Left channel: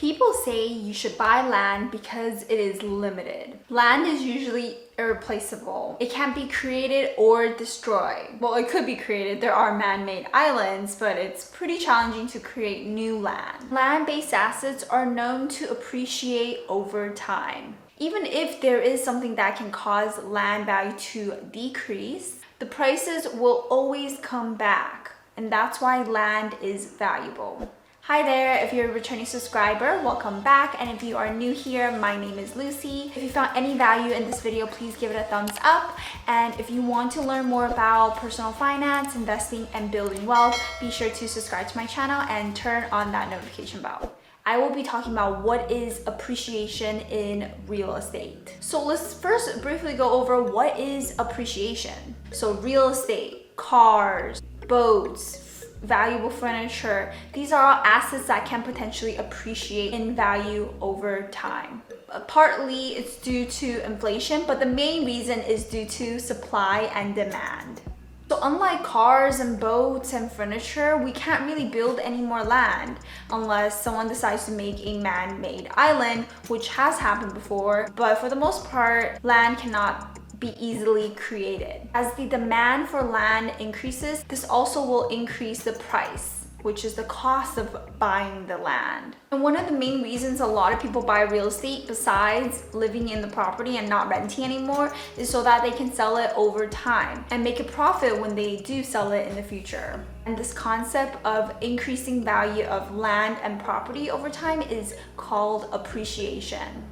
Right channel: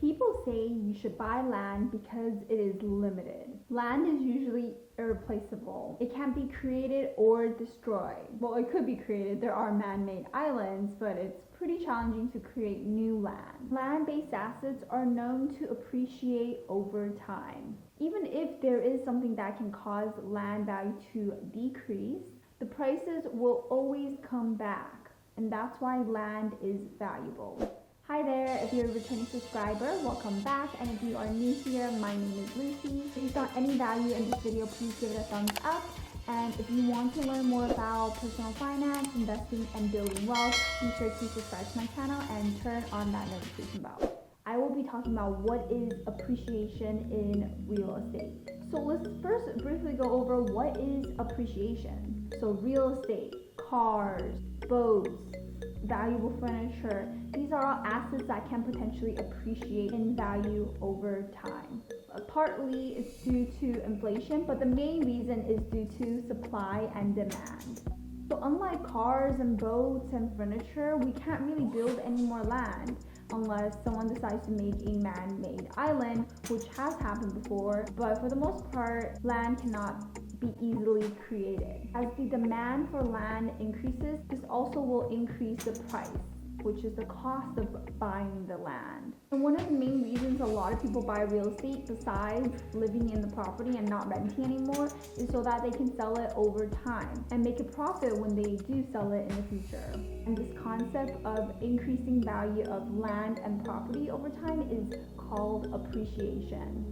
People say you should buy land because it is limited. Land is usually irreplaceable. It can't be created or destroyed. Well, it could be created. There are man-made islands, but it's pretty challenging to create new land. Land-based assets are known to appreciate over time. Even if there is something that can cause land value to decrease, the prices will always come back, and that's why land is valuable. Hi there, if you're a returning subscriber, welcome back, and if you are new here, my name is Lucy. If you found any value in this video, please give it a thumbs up, and if you want to learn more about personal finance, investing, and building wealth, be sure to subscribe to my channel and turn on that notification bell. I will be talking about what is appreciation in real estate. So let's first briefly go over what is appreciation. So real estate, cars, boats, valuable furniture, these are all assets that can potentially appreciate in value over time. Partly it's due to inflation, but the main reason is due to supply and demand. So unlike cars and boats and furniture, we can't really build any more land unless someone decides to make a man-made island, which has happened before, but for the most part, land cannot be easily created. As the demand for land increases, this also will increase the price, which is the cost of buying the land. And one of the main reasons a lot of people buy real estate besides living in the property and not renting anymore is so that they can sell it over time and make a profit when they do sell it in the future. And this concept of increasing value of land and property over time is called appreciation.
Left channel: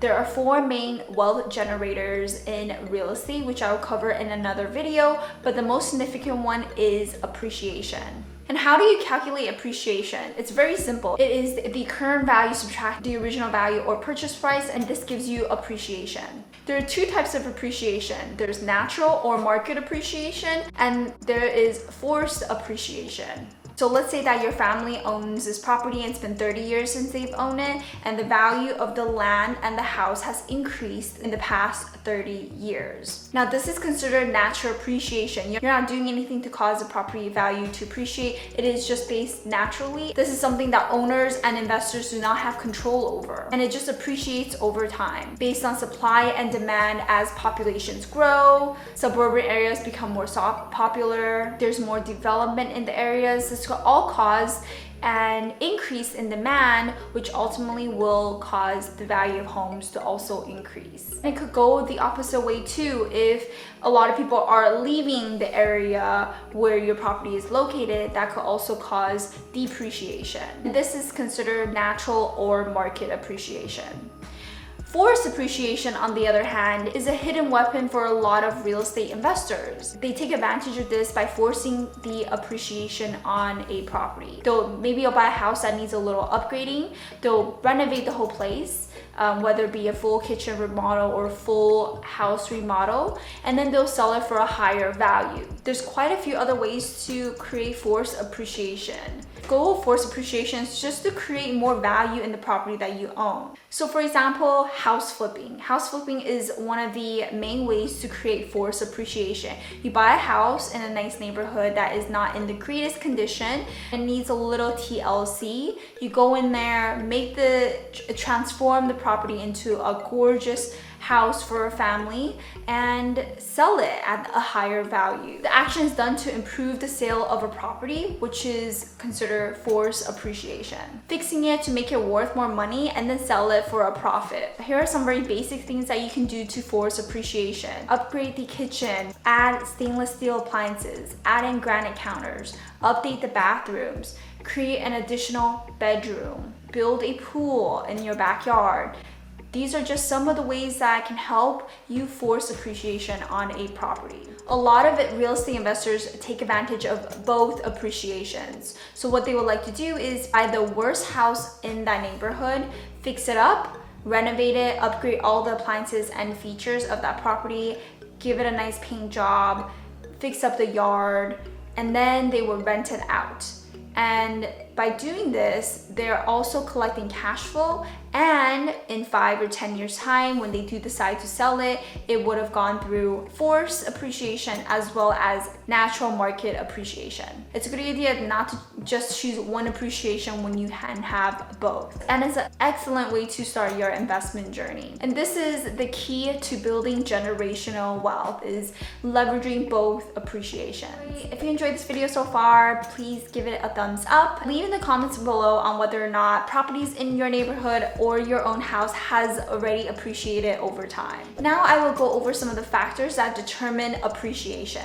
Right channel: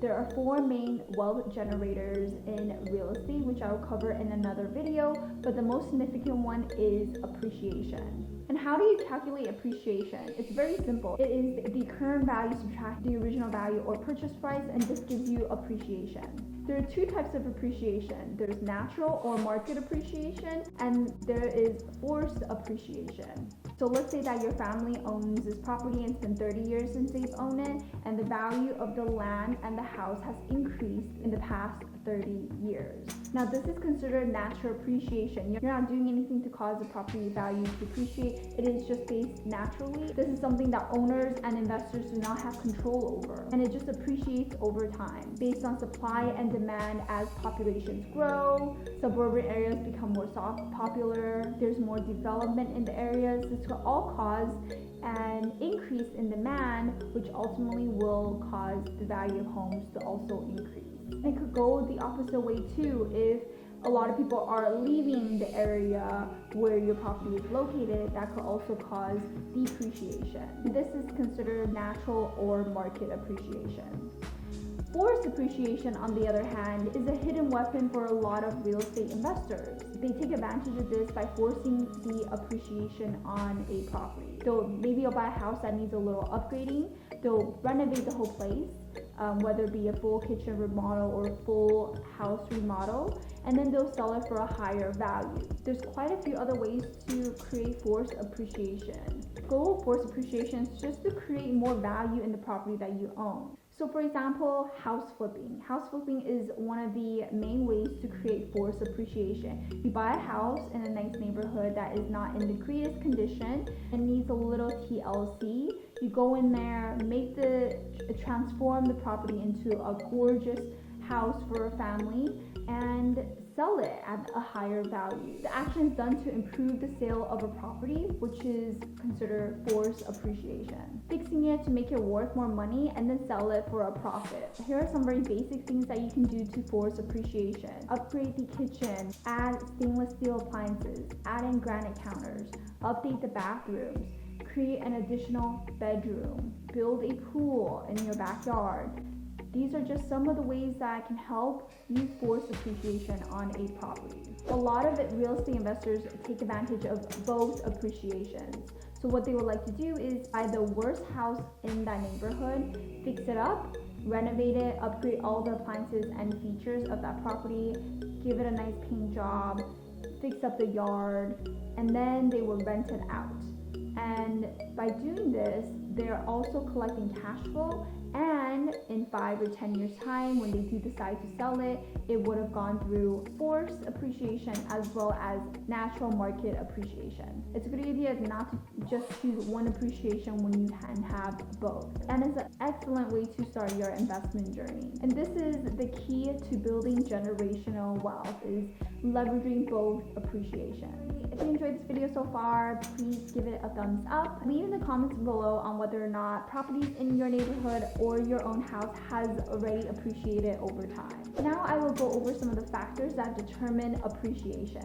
There are four main wealth generators in real estate, which I will cover in another video, but the most significant one is appreciation. And how do you calculate appreciation? It's very simple. It is the current value subtract the original value or purchase price, and this gives you appreciation. There are two types of appreciation. There's natural or market appreciation, and there is forced appreciation. So let's say that your family owns this property and it's been 30 years since they've owned it, and the value of the land and the house has increased in the past 30 years. Now this is considered natural appreciation. You're not doing anything to cause the property value to appreciate. It is just based naturally. This is something that owners and investors do not have control over, and it just appreciates over time based on supply and demand. As populations grow, suburban areas become more popular, there's more development in the areas. This could all cause an increase in demand, which ultimately will cause the value of homes to also increase. And it could go the opposite way too. If a lot of people are leaving the area where your property is located, that could also cause depreciation. This is considered natural or market appreciation. Forced appreciation, on the other hand, is a hidden weapon for a lot of real estate investors. They take advantage of this by forcing the appreciation on a property. Maybe you'll buy a house that needs a little upgrading. They'll renovate the whole place, whether it be a full kitchen remodel or full house remodel, and then they'll sell it for a higher value. There's quite a few other ways to create forced appreciation. The goal of forced appreciation is just to create more value in the property that you own. So for example, house flipping. House flipping is one of the main ways to create forced appreciation. You buy a house in a nice neighborhood that is not in the greatest condition and needs a little TLC. You go in there, transform the property into a gorgeous house for a family and sell it at a higher value. The action is done to improve the sale of a property, which is considered forced appreciation. Fixing it to make it worth more money and then sell it for a profit. Here are some very basic things that you can do to force appreciation. Upgrade the kitchen, add stainless steel appliances, add in granite counters, update the bathrooms, create an additional bedroom, build a pool in your backyard. These are just some of the ways that can help you force appreciation on a property. A lot of real estate investors take advantage of both appreciations. So what they would like to do is buy the worst house in that neighborhood, fix it up, renovate it, upgrade all the appliances and features of that property, give it a nice paint job, fix up the yard, and then they will rent it out. And By doing this, they're also collecting cash flow, and in 5 or 10 years time, when they do decide to sell it, it would have gone through forced appreciation as well as natural market appreciation. It's a good idea not to just choose one appreciation when you can have both. And it's an excellent way to start your investment journey. And this is the key to building generational wealth, is leveraging both appreciation. If you enjoyed this video so far, please give it a thumbs up. Leave in the comments below on whether or not properties in your neighborhood or your own house has already appreciated over time. Now I will go over some of the factors that determine appreciation.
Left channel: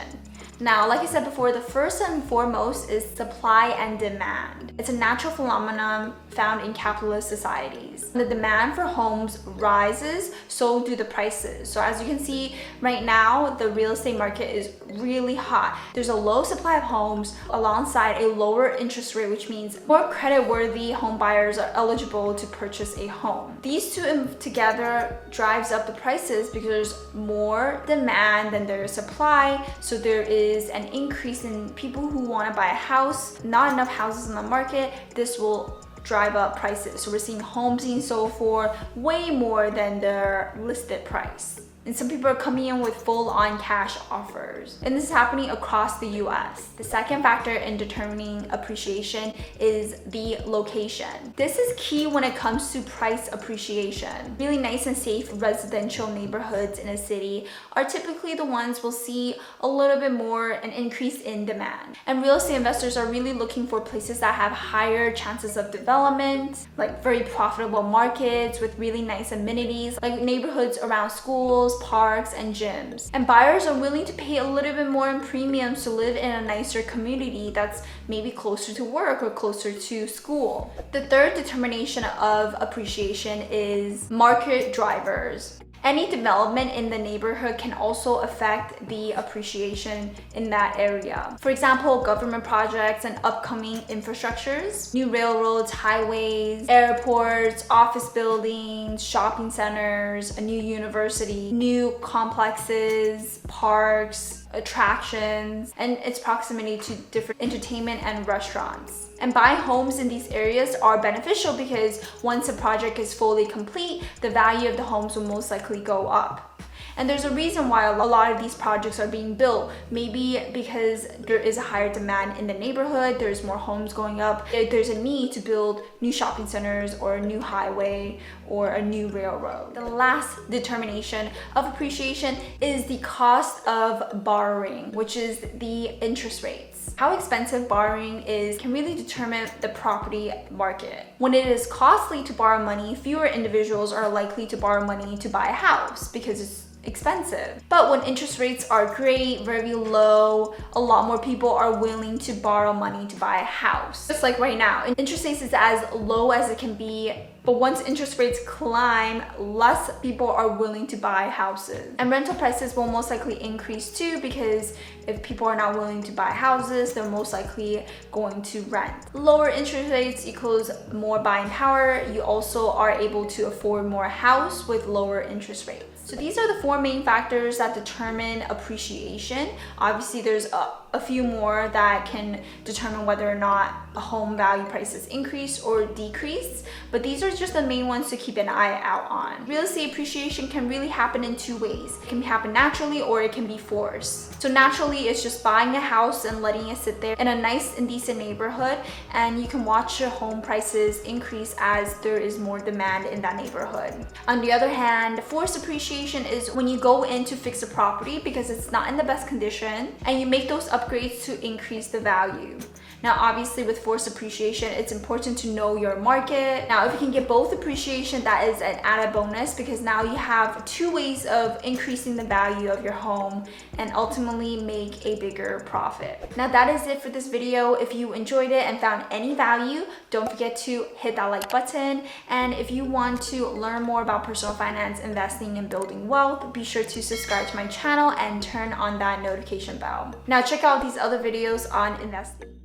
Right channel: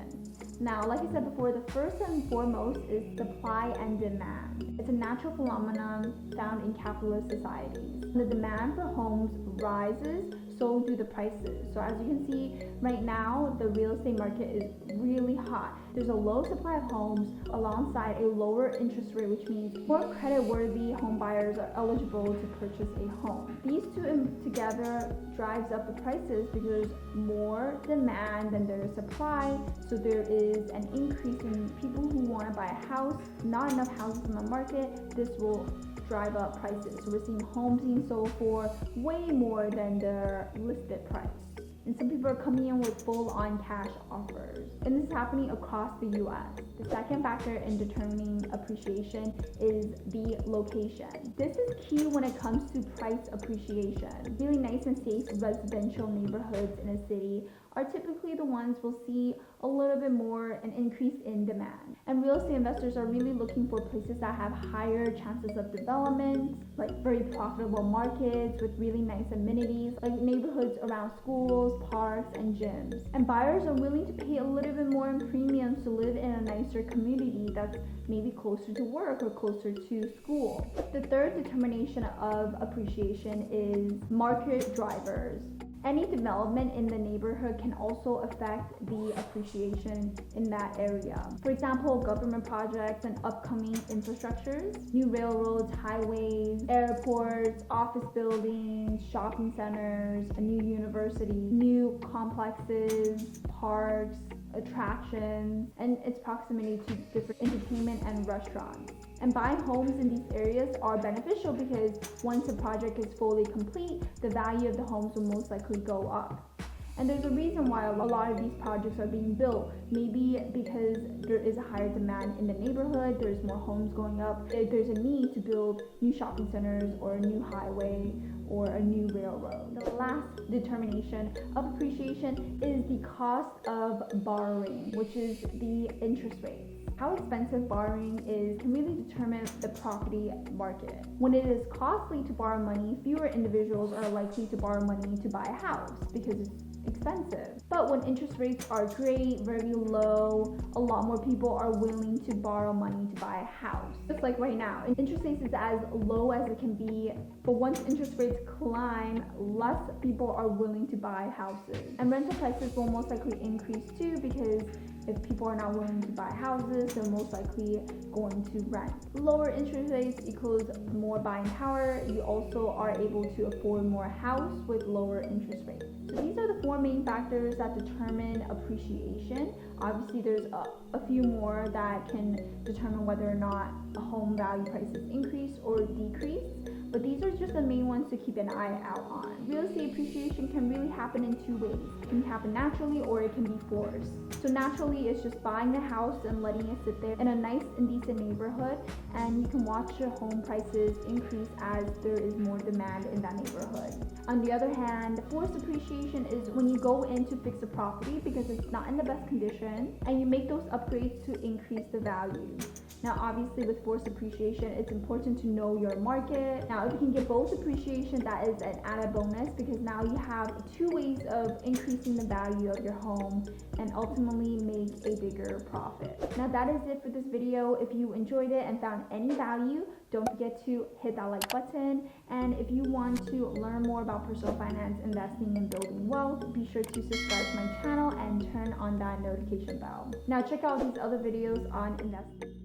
Now, like I said before, the first and foremost is supply and demand. It's a natural phenomenon found in capitalist societies. The demand for homes rises, so do the prices. So as you can see right now, the real estate market is really hot. There's a low supply of homes alongside a lower interest rate, which means more credit-worthy home buyers are eligible to purchase a home. These two together drives up the prices because there's more demand than there is supply, so there is an increase in people who want to buy a house, not enough houses in the market. This will drive up prices. So we're seeing homes being sold for way more than their listed price. And some people are coming in with full-on cash offers. And this is happening across the US. The second factor in determining appreciation is the location. This is key when it comes to price appreciation. Really nice and safe residential neighborhoods in a city are typically the ones we'll see a little bit more an increase in demand. And real estate investors are really looking for places that have higher chances of development, like very profitable markets with really nice amenities, like neighborhoods around schools, parks, and gyms. And buyers are willing to pay a little bit more in premiums to live in a nicer community that's maybe closer to work or closer to school. The third determination of appreciation is market drivers. Any development in the neighborhood can also affect the appreciation in that area. For example, government projects and upcoming infrastructures, new railroads, highways, airports, office buildings, shopping centers, a new university, new complexes, parks, attractions, and its proximity to different entertainment and restaurants. And buying homes in these areas are beneficial because once a project is fully complete, the value of the homes will most likely go up. And there's a reason why a lot of these projects are being built. Maybe because there is a higher demand in the neighborhood, there's more homes going up, there's a need to build new shopping centers or a new highway or a new railroad. The last determination of appreciation is the cost of borrowing, which is the interest rates. How expensive borrowing is can really determine the property market. When it is costly to borrow money, fewer individuals are likely to borrow money to buy a house because it's expensive. But when interest rates are great, very low, a lot more people are willing to borrow money to buy a house. Just like right now, interest rates is as low as it can be, but once interest rates climb, less people are willing to buy houses. And rental prices will most likely increase too, because if people are not willing to buy houses, they're most likely going to rent. Lower interest rates equals more buying power. You also are able to afford more house with lower interest rates. So these are the four main factors that determine appreciation. Obviously, there's a few more that can determine whether or not a home value prices increase or decrease, but these are just the main ones to keep an eye out on. Real estate appreciation can really happen in two ways. It can happen naturally or it can be forced. So naturally, it's just buying a house and letting it sit there in a nice and decent neighborhood, and you can watch your home prices increase as there is more demand in that neighborhood. On the other hand, forced appreciation is when you go in to fix a property because it's not in the best condition and you make those upgrades to increase the value. Now, obviously with forced appreciation, it's important to know your market. Now, if you can get both appreciation, that is an added bonus because now you have two ways of increasing the value of your home and ultimately make a bigger profit. Now, that is it for this video. If you enjoyed it and found any value, don't forget to hit that like button. And if you want to learn more about personal finance, investing, and building wealth, be sure to subscribe to my channel and turn on that notification bell. Now, check out these other videos on investing.